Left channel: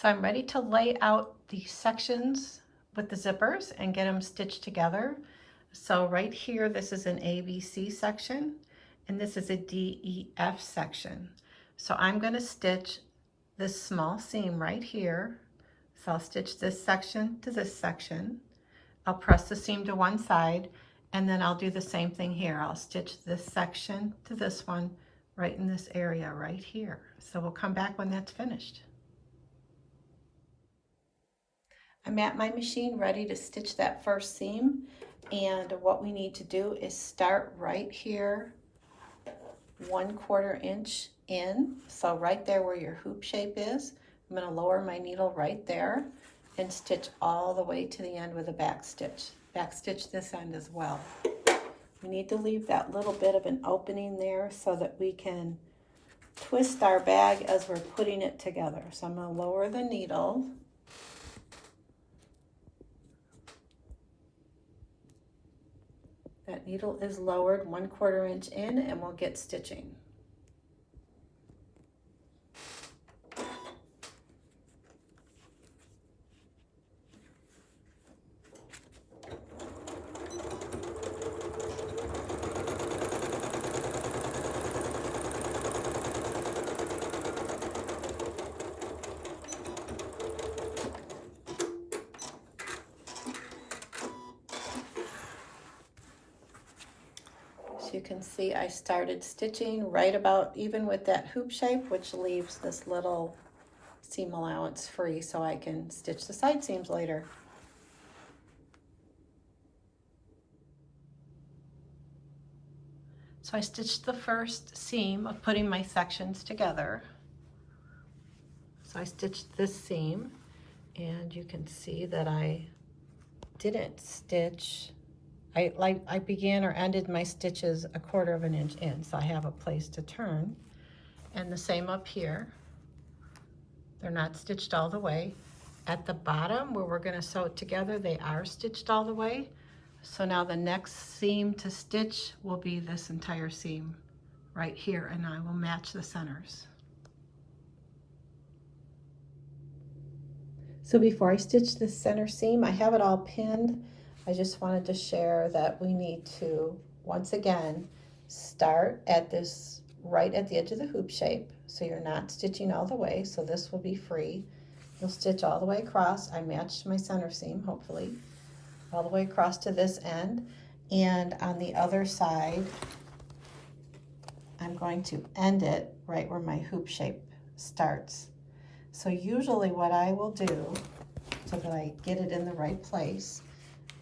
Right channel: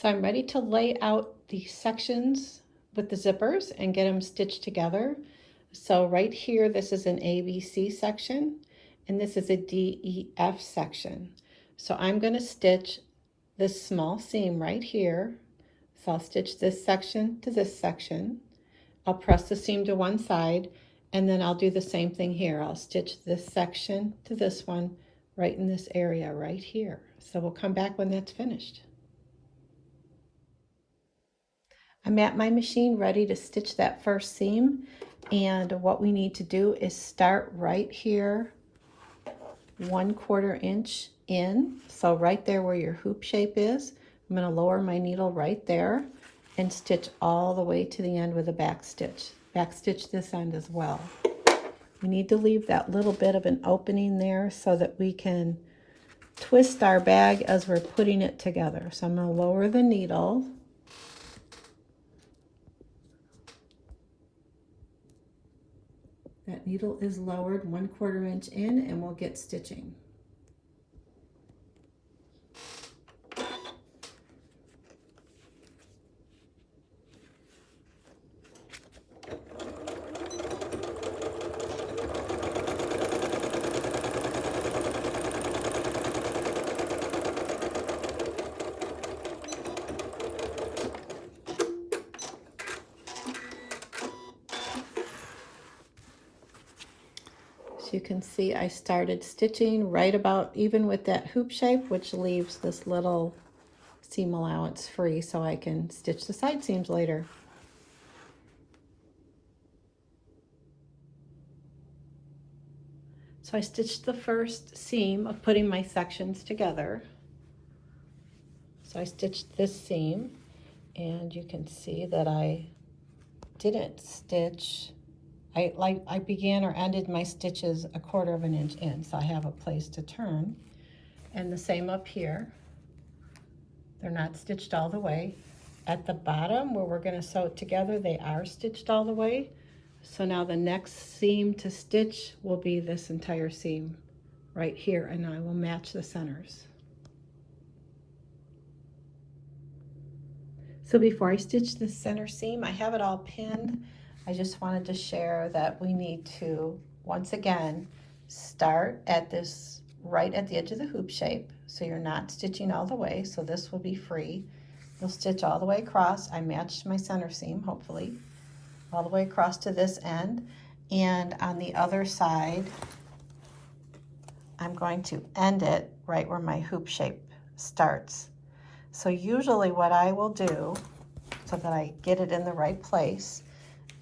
So I'm ready to lay out the sections with the zippers and get them stitched together. So right here, this is an ABC section, and this is a DEF section. So I'm going to stitch this small seam right here. So I'll stitch this section to this section. I'll press the seam to one side, and then I'll do the same thing here. I'll stitch this section to this one right in this area right here. So we'll come back when that's finished. I'm at my machine ready to stitch that first seam, and what we need to do is start right here 1/4 inch in, so right there where your hoop shape is. I'm going to lower my needle right there and stitch all the way to the end with a back stitch this end as well. We need to leave that little bit of an opening there so that we can twist our bag as we're putting it together. So I'm going to lower the needle. That needle is lowered 1/4 inch in, and we'll get stitching. You can see I started stitching right about even with that hoop shape, which leaves this little seam allowance free so I can stitch the side seams later. So I stitched the first seam of putting my sections together. So I stitched this seam, and you can see that I didn't stitch. I began or ended my stitches 1/4 inch in, so I have a place to turn. And the same up here. They're not stitched all the way. At the bottom where we're going to sew it together, they are stitched all the way. So now the next seam to stitch will be this entire seam right here, and I will match the centers. So before I stitch the center seam, I have it all pinned. I just wanted to share that we need to, once again, start at this right at the edge of the hoop shape. So you're not stitching all the way, so this will be free. You'll stitch all the way across. I matched my center seam, hopefully, all the way across to this end. And on the other side, I'm going to end it right where my hoop shape starts. So usually what I will do, so that I get it in the right place,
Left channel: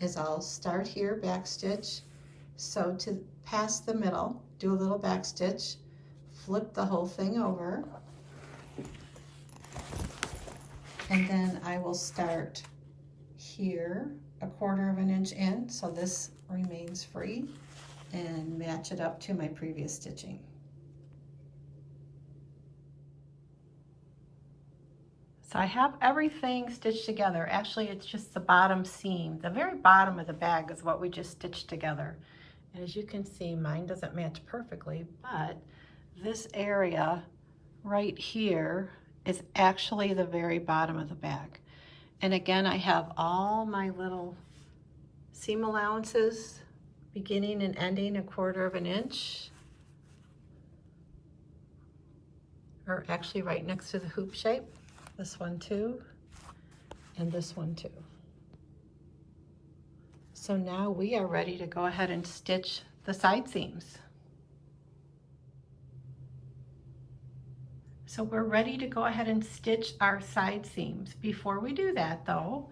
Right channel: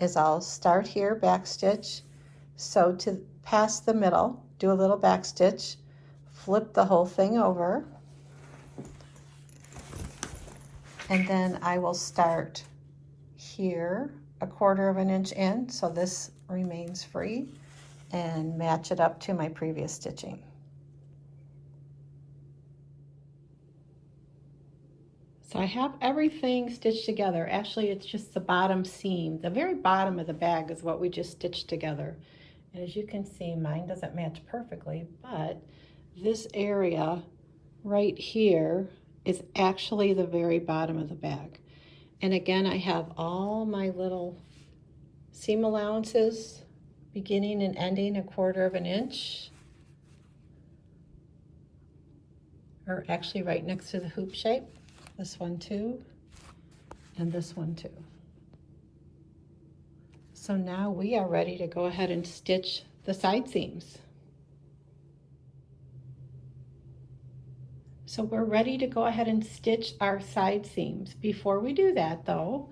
is I'll start here, back stitch, sew to past the middle, do a little back stitch, flip the whole thing over, and then I will start here 1/4 inch in, so this remains free, and match it up to my previous stitching. So I have everything stitched together. Actually, it's just the bottom seam. The very bottom of the bag is what we just stitched together. And as you can see, mine doesn't match perfectly, but this area right here is actually the very bottom of the bag. And again, I have all my little seam allowances beginning and ending 1/4 inch, or actually right next to the hoop shape. This one too, and this one too. So now we are ready to go ahead and stitch the side seams. So we're ready to go ahead and stitch our side seams. Before we do that though,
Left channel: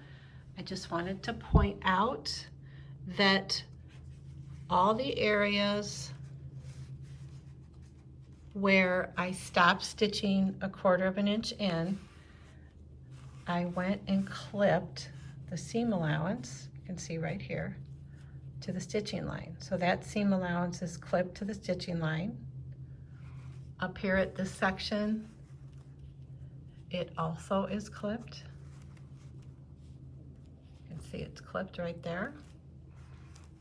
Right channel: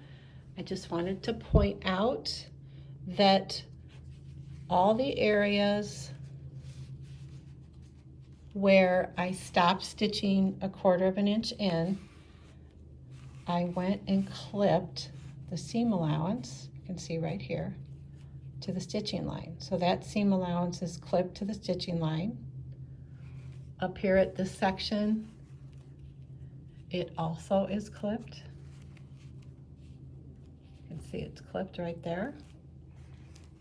I just wanted to point out that all the areas where I stopped stitching 1/4 inch in, I went and clipped the seam allowance, you can see right here, to the stitching line. So that seam allowance is clipped to the stitching line. Up here at this section, it also is clipped. You can see it's clipped right there.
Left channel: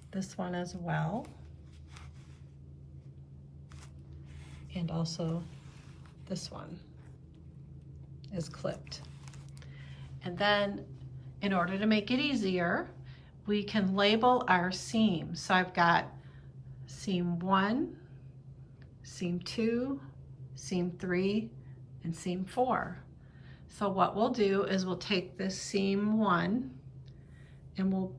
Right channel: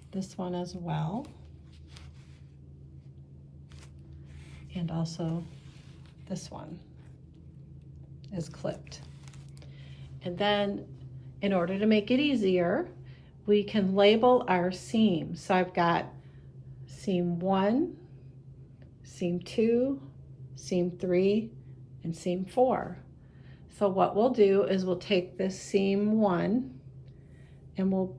This one as well. And also this one is clipped. And then in order to make it easier, we can label our seams. So I've got seam 1, seam 2, seam 3, and seam 4. So what we'll do is we'll take this seam 1 and we'll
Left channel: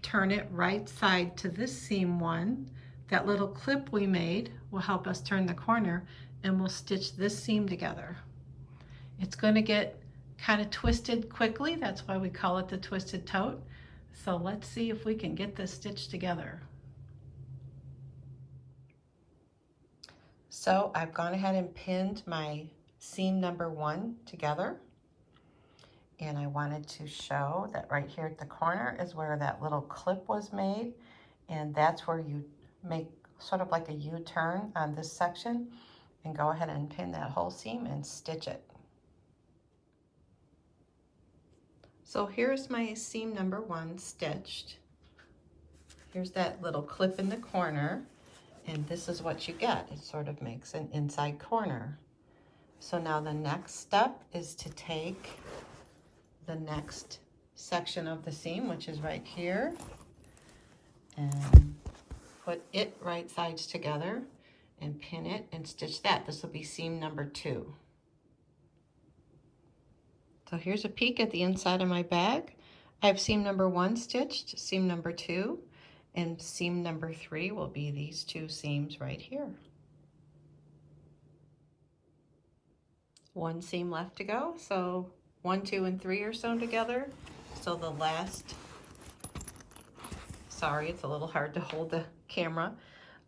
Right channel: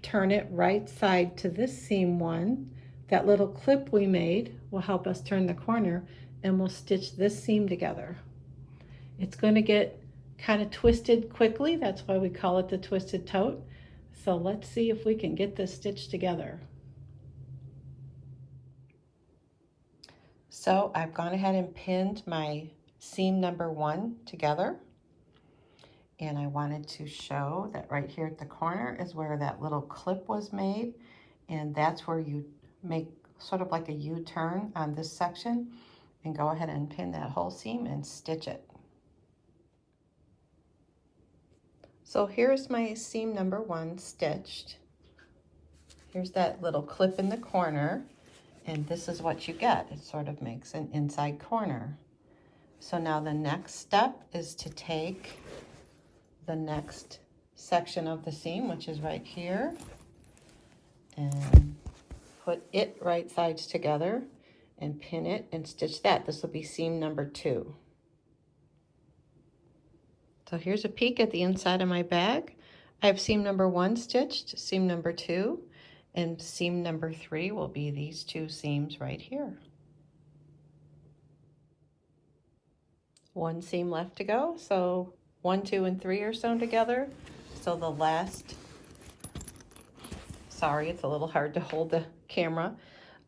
turn it right side to this seam 1. That little clip we made will help us turn the corner, and we'll stitch this seam together. It's going to get kind of twisted quickly. That's why we call it the twisted tote. So let's see if we can get this stitched together. So I've gone ahead and pinned my seam number 1 together. And I wanted to show that right here at the corner is where that little clip was made. And that's where you make sort of like a U-turn on this section, and go ahead and pin that whole seam and stitch it. So here's my seam number 1 stitched. Here's that little clip in the corner, and this is what you get. It sort of makes an inside corner. So now the next step is to take the next section of the seam, which is right here, and put it right sides together and pin it and stitch that. This will be seam number 2. So here's a peek at the inside of my bag. I have seam number 1 stitched, seam number 2, and seam number 3 will be these 2 seams right here. 1 seam left to go, so 1, 2, and 3 are sewn together. So the last, sorry, it's a little hard to hold the camera.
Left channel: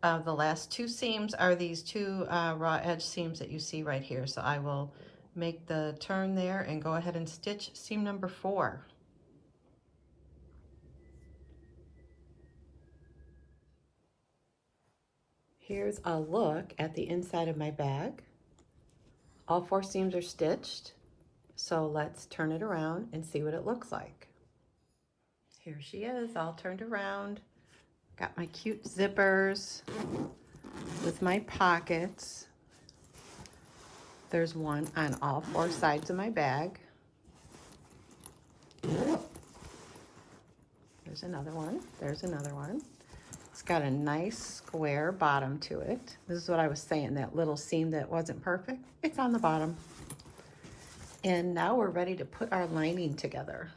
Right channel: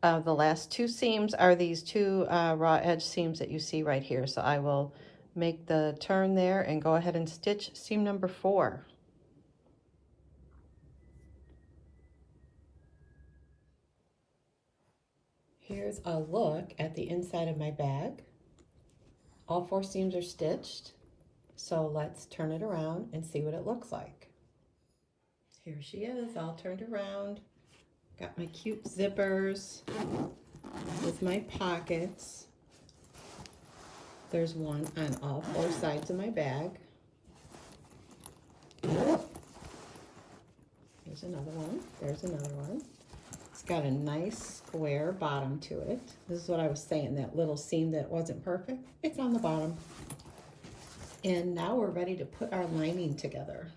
The last 2 seams are these 2 raw edge seams that you see right here. So I will make the turn there and go ahead and stitch seam number 4. Here's a look at the inside of my bag. All 4 seams are stitched. So let's turn it around and see what it looks like. Here she is, all turned around. Got my cute zippers with my pockets. There's one on all 4 sides of my bag. There's another one. There's another one. It's got a nice square bottom to it. This is what I was saying, that little seam that wasn't perfect. It's on the bottom. And now we're ready to put our lining together.